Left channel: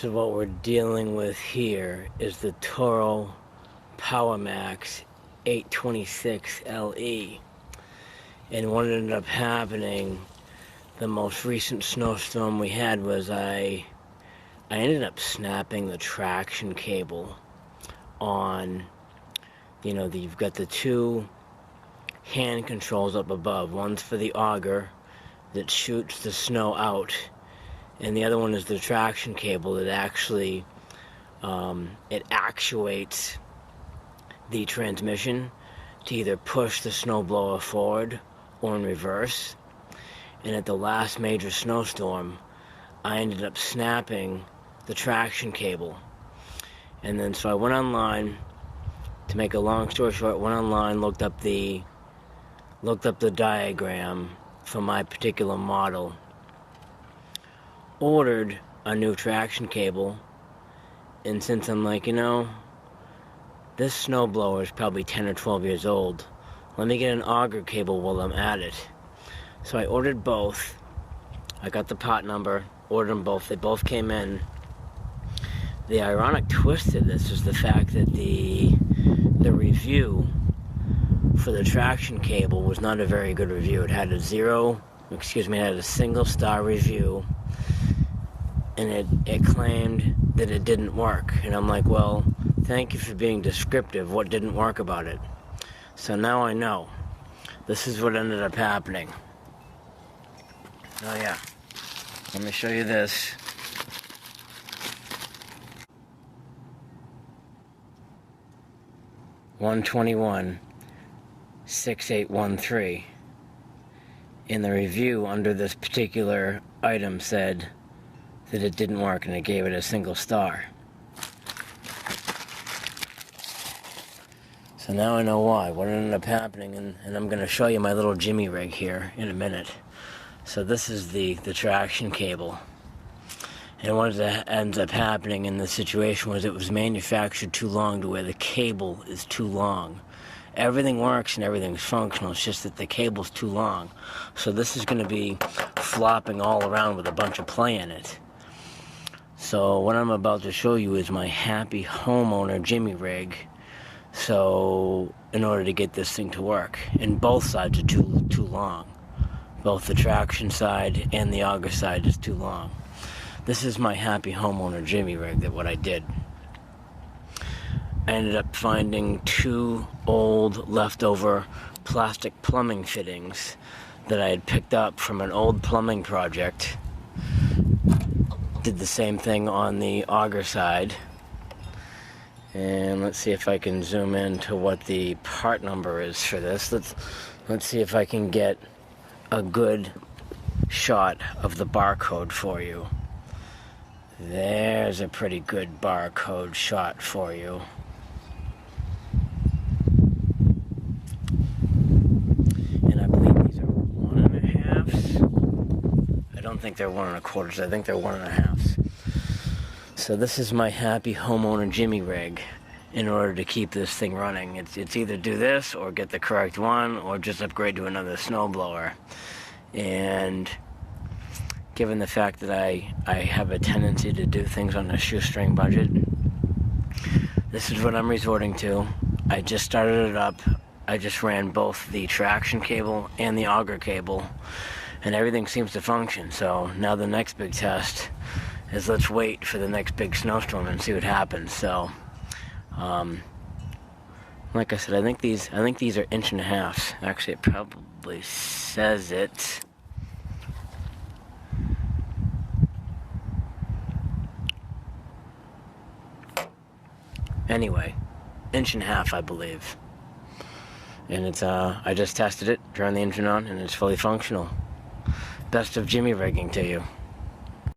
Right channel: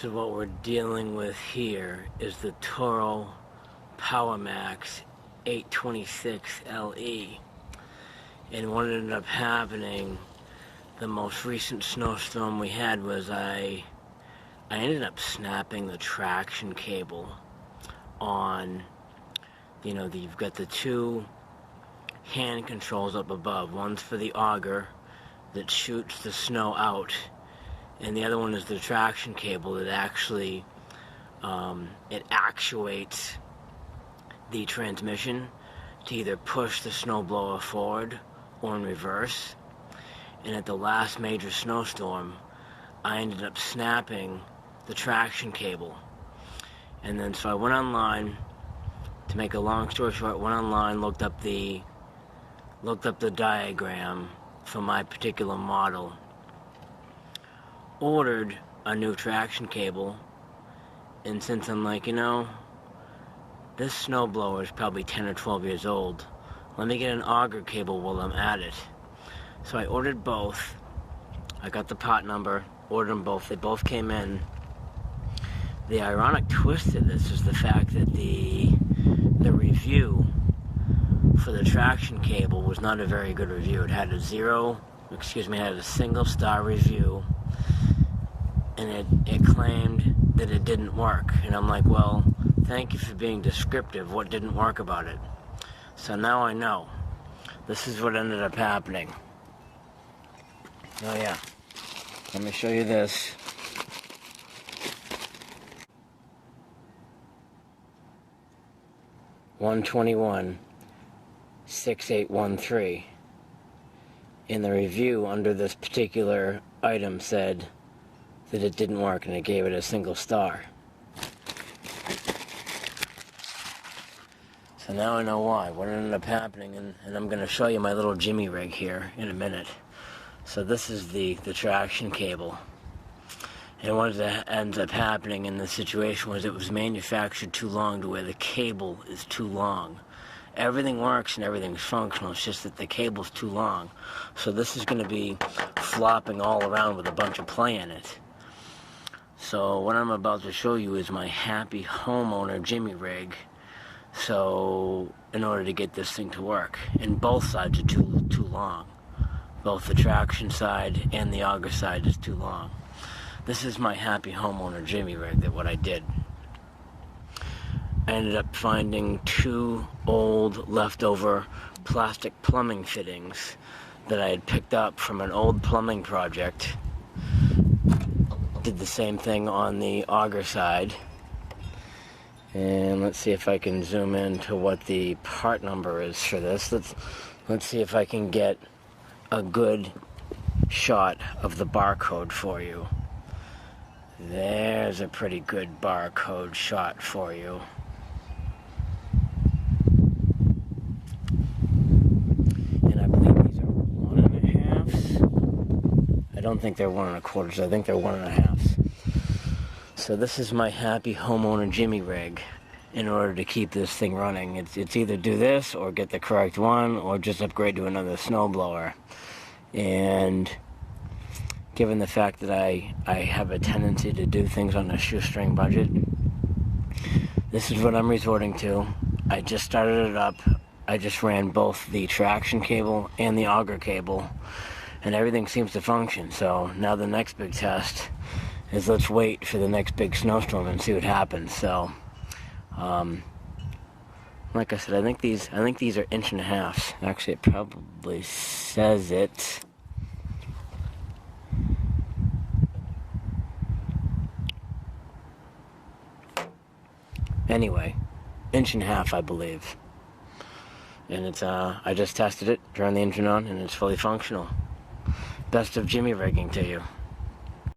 So what we're dealing with here is the Toro PowerMax 826 LE. And what ended up happening, the most recent snowstorm we had was I ended up snapping the traction cable on, you've got the two hand controls up above. One's for the auger that shoots the snow out, and the other one is the traction cable that actually it actuates the transmission to either push the snowblower forward or in reverse. And at the last major snowstorm, I ended up snapping the traction cable. And then so I went online, to make a long story short, looked up the diagram for my particular model, ordered a new traction cable, and since I'm like, this snowblower is probably 10 or 12 years old, let me get an auger cable while I'm at it. So I ordered both. I got the part number, ordered them both. They both came in. The ironic twist of this is the fact that the review for the traction cable was not a very good review. It had a single star review, and it claimed that it didn't work. And I'm like, well, thank you for being descriptive. What didn't work about it? So now I know. This is what ended up happening. Oh yeah, let me show you this. $121,6813. In the review under this particular item said that it didn't work, and it gave it a single star. So now I know why, what ended up happening, and I'm going to show you my little Jimmy rig here in a minute. So this is the traction cable. And what ends up happening in this situation was it was manufactured too long to where the cable is too long. Everything works and everything's functional, it's just that the cable's too long. So this is going to be flopping all around with a bunch of play in it. So what I'm about to show you is my happy homeowner Jimmy rig. So in order to get this thing to work, and both sides are too long. Both the traction side and the auger side is too long. This is my happy homeowner Jimmy rig, that what I did. I ended up finding two old leftover plastic plumbing fittings that I had picked up from an old plumbing project. Did the same thing on the auger side. And let's see if I can zoom in to what the part number is for this. Let's see if I can get a good shot of the barcode for you. There's a pretty good barcode shot for you. And I believe these are 1.5s. I don't think they're 1 1/4s. I think they're 1.5s. So this is my happy homeowner Jimmy rig. In order to keep this thing running, it's either do this or get the correct one, or just upgrade to another snowblower. And given the fact that I have a tendency to do things on a shoestring budget, this is what I'm resorting to. I just started it up. I just ran both the traction cable and the auger cable, and everything seems to function. So now the next big test is, let's wait for the next big snowstorm and see what happens. So like I said, I think these are 1.5 inches. Actually, it probably says it. Anyway, 1.5 inches, I believe. And it's I just tested it, turned the engine on, and it's fully functional. Best of Jimmy rigging to you.